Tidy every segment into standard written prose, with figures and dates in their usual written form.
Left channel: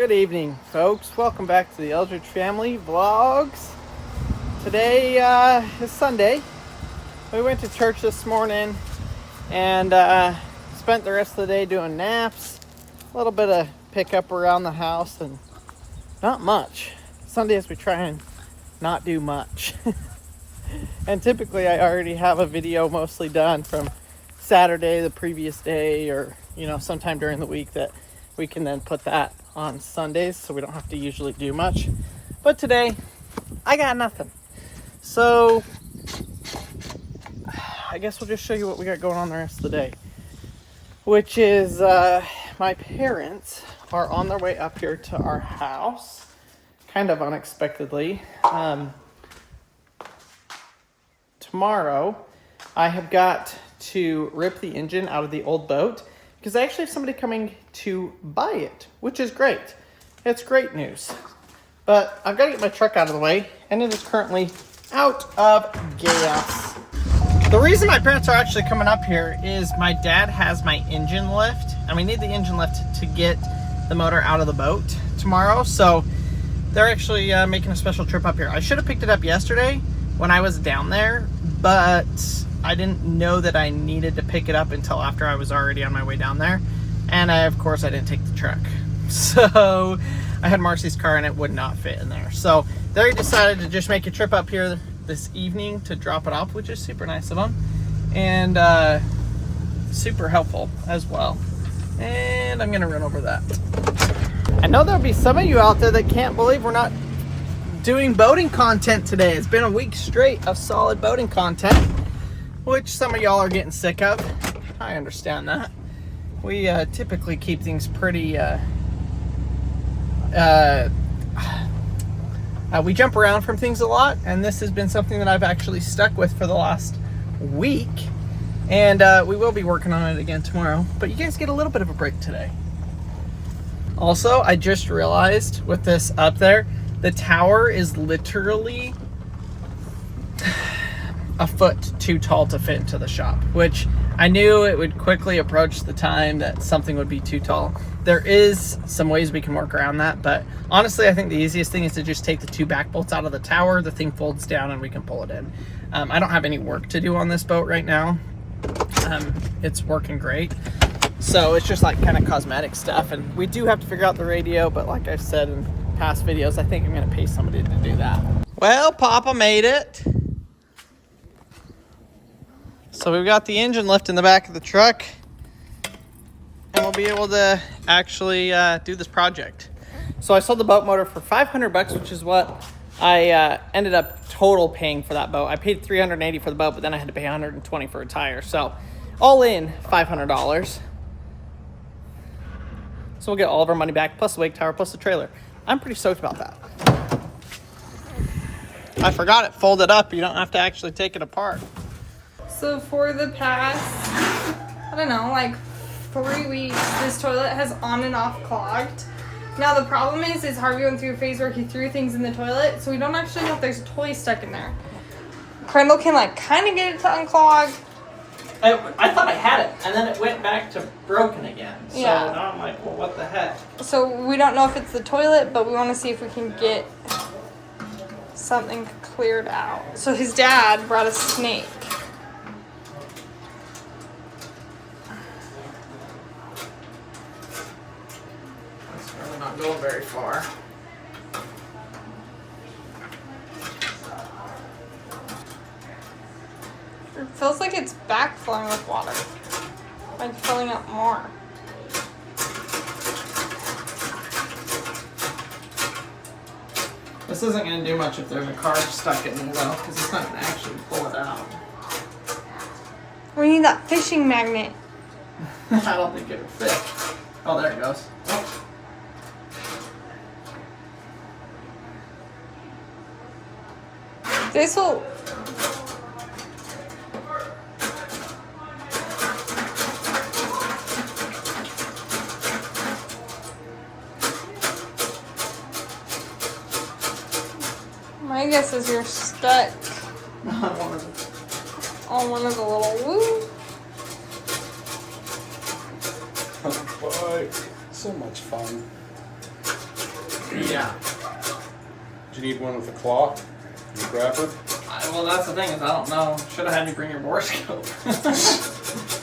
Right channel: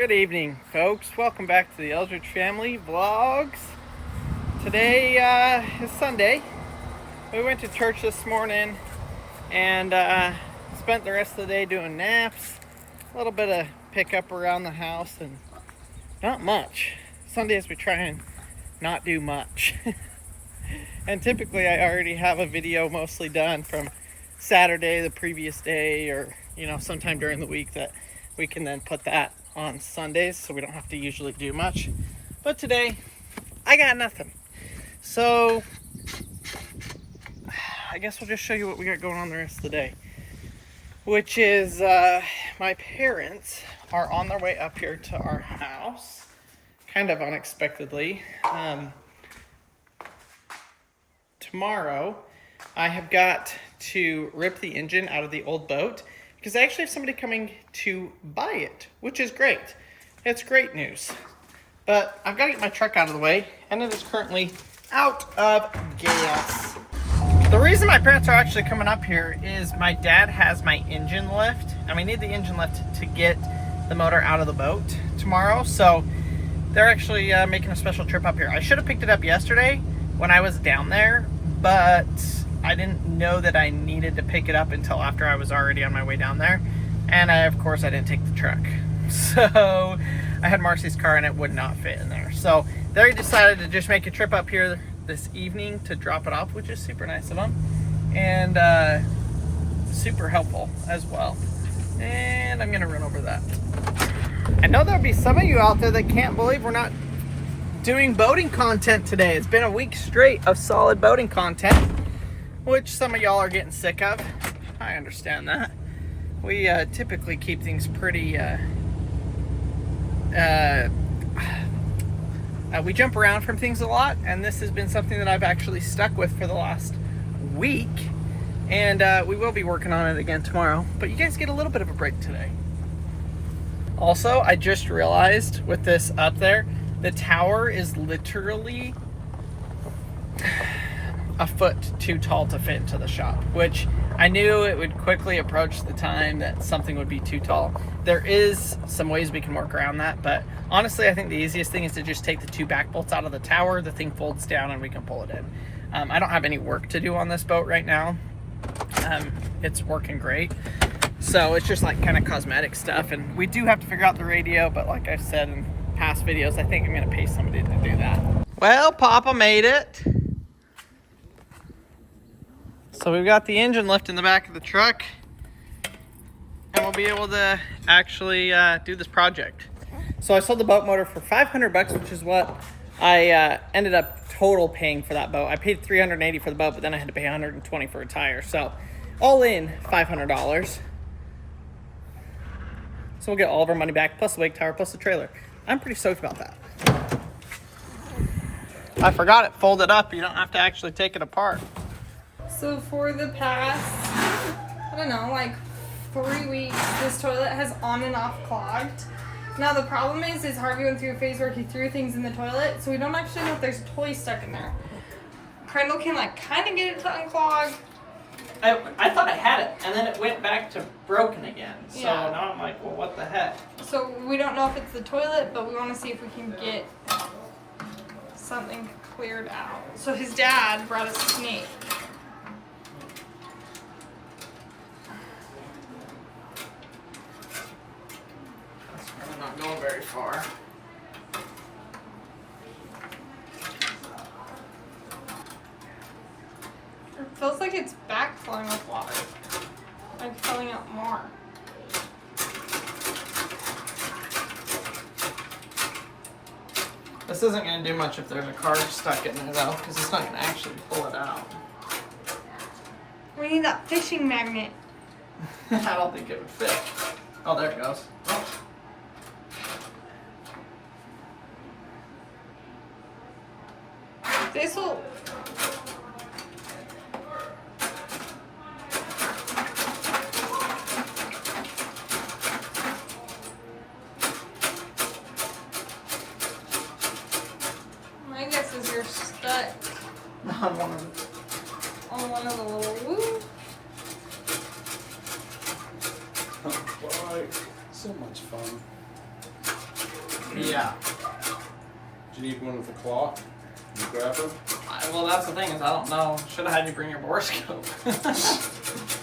Good evening, folks. Welcome back to the Eldredge Family Vlogs. Today is Sunday. We went to church this morning and spent the rest of the day doing naps, a little bit of pickup around the house, and not much. Sundays we try and not do much. And typically I already have a video mostly done from Saturday, the previous day, or sometime during the week that we can then put that on Sundays, so we don't have to usually do much. But today I got nothing, so I guess we'll just show you what we got going on the rest of the day, which is my parents are on their way up here to our house kind of unexpectedly. Tomorrow I have got to rip the engine out of the old boat because I actually have somebody coming to buy it, which is great. It's great news. But I've got to get my truck out of the way, and it is currently out of gas. The reason my parents are actually coming up here is my dad has my engine lift, and we need the engine lift to get the motor out of the boat tomorrow. So they're actually making a special trip up here. I should have picked it up yesterday when I was down there, but I didn't know that I needed to pick it up until after I was already on my way down there. And of course I didn't take the truck. So I had Marcy's car and it would not fit in there. So they decided to just make a trip up here this evening to drop it off, which is super nice of them. And super helpful as well. And I'm gonna run over that. I know there'll be some of you out there that can't believe we're not doing boating content today. It's been a week straight of solid boating content, which some of y'all are getting sick of. I understand that. We typically keep things pretty, we jump around from things a lot, and this has been something that I've actually stuck with for the last week, and we will be working on it again tomorrow, but you guys get a little bit of a break today. Also, I just realized with this up there, the tower is literally a foot too tall to fit into the shop, which I knew it would quickly approach the time that something would be too tall. There is some ways we can work around that, but honestly, I think the easiest thing is to just take the two back bolts out of the tower. The thing folds down and we can pull it in. I don't have any work to do on this boat right now. It's working great. So it's just like kind of cosmetic stuff, and we do have to figure out the radio, but like I've said in past videos, I think I'm gonna pay somebody to do that. Well, Papa made it. So we've got the engine lift in the back of the truck, and we'll be able to actually do this project. So I sold the boat motor for $500, which is what I ended up total paying for that boat. I paid $380 for the boat, but then I had to pay $120 for a tire. So all in $500. So we'll get all of our money back, plus the wake tower, plus the trailer. I'm pretty stoked about that. I forgot it folded up. You don't have to actually take it apart. So for the past, I don't know, like 3 weeks, this toilet has on and off clogged. Now the problem is Harvey went through a phase where he threw things in the toilet, so we don't actually know if there's a toy stuck in there. Crandall can like kind of get it to unclog. I thought I had it, and then it went back to broken again. So yeah. Now I'm like, well, what the heck? So we don't know if it's the toilet, but we want to see if we can get something cleared out. So his dad brought a snake. It's really not going very far. It feels like it's backflowing with water. Like filling up more. This isn't going to do much if there's a car stuck in there, though, because it's not going to actually pull it out. We need that fishing magnet. I don't think it would fit. Oh, there it goes. Oh. This will... My guess is you're stuck On one of the little woo. Oh boy, so much fun. Yeah. Do you need one with a claw? You grab her? Well, that's the thing is I don't know. Should have had you bring your borescope.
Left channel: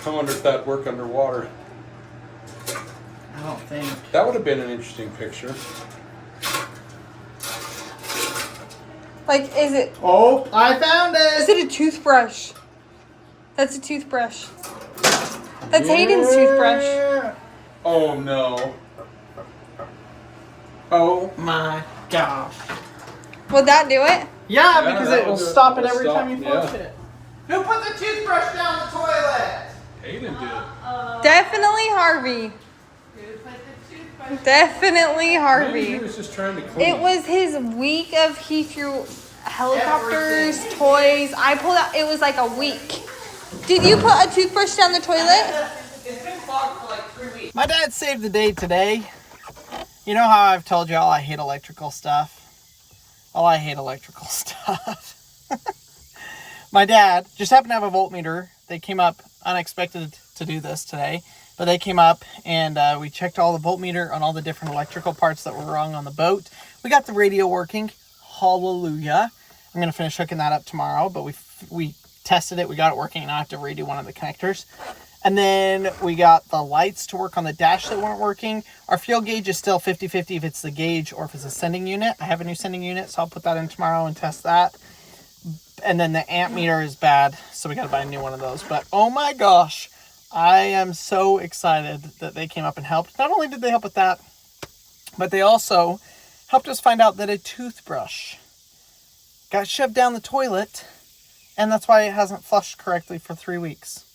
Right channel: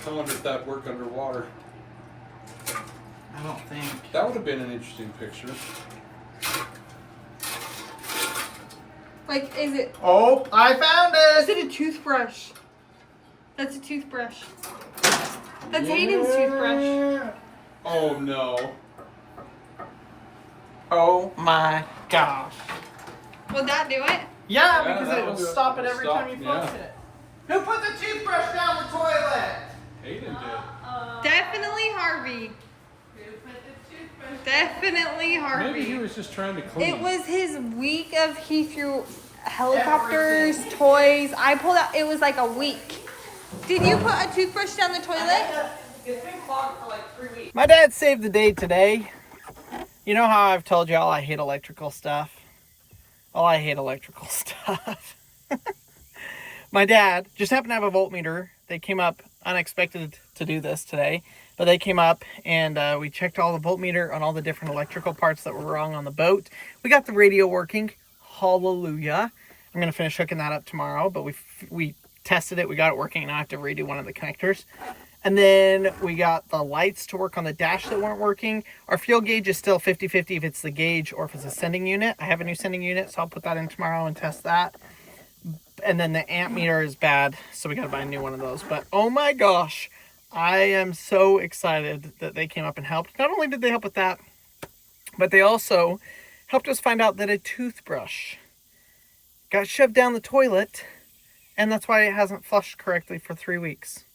I wonder if that'd work underwater. I don't think. That would have been an interesting picture. Like, is it? Oh, I found Is it. it a toothbrush? That's a toothbrush. That's Hayden's toothbrush. Oh no. Oh my gosh. Would that do it? Yeah, Yeah, because that it will will stop it it'll every stop, time you flush yeah. it. Who put the toothbrush down the toilet? Hayden did. Definitely Harvey. Definitely Maybe he Harvey. was just trying to clean. It was his week of he threw helicopters, toys. I pulled out. It was like a week. Did you put a toothbrush down the toilet? It's been clogged for like 3 weeks. My dad saved the day today. You know how I've told y'all I hate electrical stuff? Well, I hate electrical stuff. My dad just happened to have a voltmeter. They came up unexpected to do this today, but they came up and we checked all the voltmeter on all the different electrical parts that were wrong on the boat. We got the radio working. Hallelujah. I'm going to finish hooking that up tomorrow, but we tested it. We got it working. Now I have to redo one of the connectors. And then we got the lights to work on the dash that weren't working. Our fuel gauge is still 50-50 if it's the gauge or if it's a sending unit. I have a new sending unit, so I'll put that in tomorrow and test that. And then the amp meter is bad, so we got to buy a new one of those. But oh my gosh, I am so excited that they came up and helped. Not only did they help with that, but they also helped us find out that a toothbrush got shoved down the toilet, and that's why it hasn't flushed correctly for 3 weeks.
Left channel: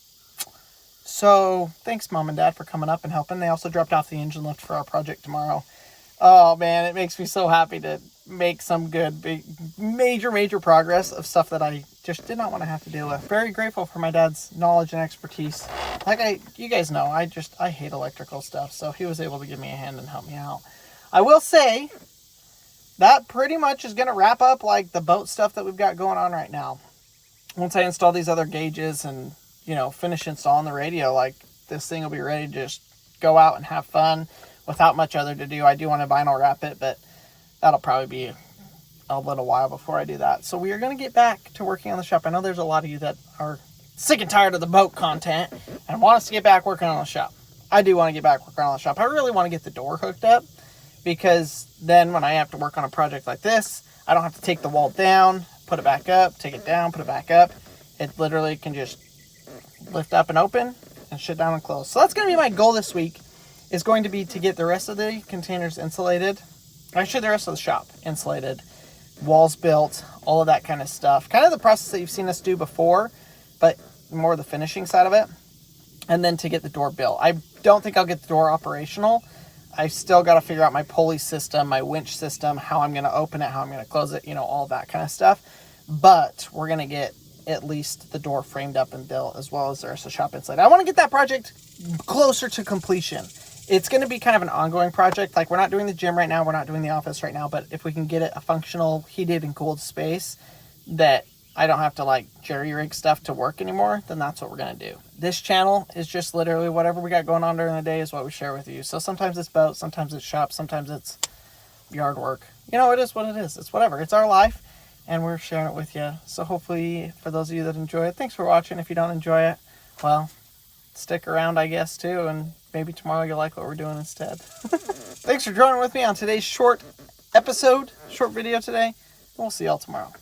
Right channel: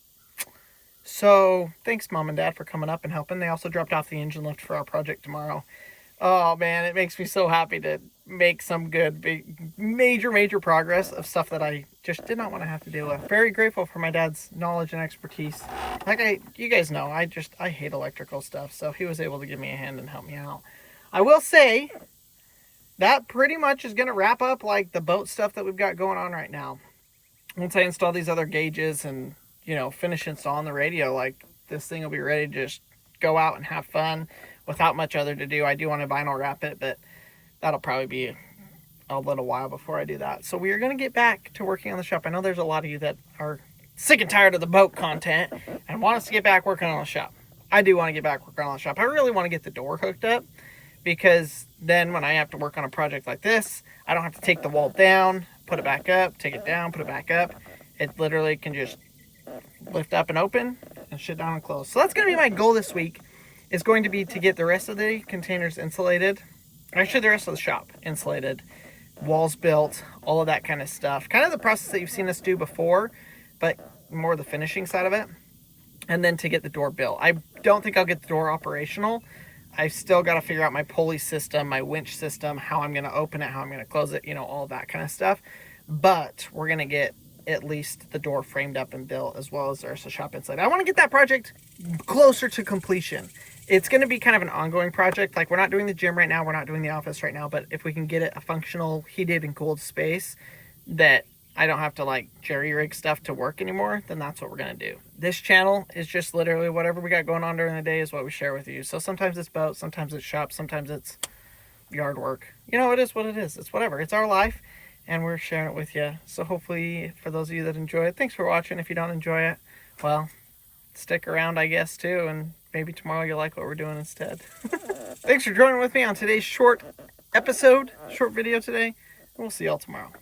So thanks, Mom and Dad, for coming up and helping. They also dropped off the engine lift for our project tomorrow. Oh man, it makes me so happy to make some good, big, major progress of stuff that I just did not want to have to deal with. Very grateful for my dad's knowledge and expertise. You guys know, I hate electrical stuff, so he was able to give me a hand and help me out. I will say that pretty much is going to wrap up like the boat stuff that we've got going on right now. Once I install these other gauges and, you know, finish installing the radio, like this thing will be ready to just go out and have fun without much other to do. I do want to vinyl wrap it, but that'll probably be a little while before I do that. So we are going to get back to working on the shop. I know there's a lot of you that are sick and tired of the boat content and want us to get back working on the shop. I do want to get back working on the shop. I really want to get the door hooked up, because then when I have to work on a project like this, I don't have to take the wall down, put it back up, take it down, put it back up. It literally can just lift up and open and shut down and close. So that's going to be my goal this week, is going to be to get the rest of the containers insulated. Actually, the rest of the shop insulated, walls built, all of that kind of stuff. Kind of the process that you've seen us do before, but more the finishing side of it. And then to get the door built. I don't think I'll get the door operational. I've still got to figure out my pulley system, my winch system, how I'm going to open it, how I'm going to close it, you know, all that kind of stuff. But we're going to get at least the door framed up and built, as well as there's a shop inside. I want to get that project closer to completion. It's going to be kind of an ongoing project. Like, we're not doing the gym right now, we're not doing the office right now, but if we can get it a functional heated and cooled space that I don't have to like jerry rig stuff to work anymore, then that's what we're going to do. This channel is just literally whatever we got going on during the day is what we share with you. So sometimes it's boat, sometimes it's shop, sometimes it's yard work. You know, it is what it is. It's whatever. It's our life, and we're sharing it with you. So hopefully, for those of you that enjoy it, thanks for watching. If you don't enjoy it, well, stick around, I guess, too, and maybe tomorrow you'll like what we're doing instead. Thanks for joining with me on today's short video today. We'll see y'all tomorrow.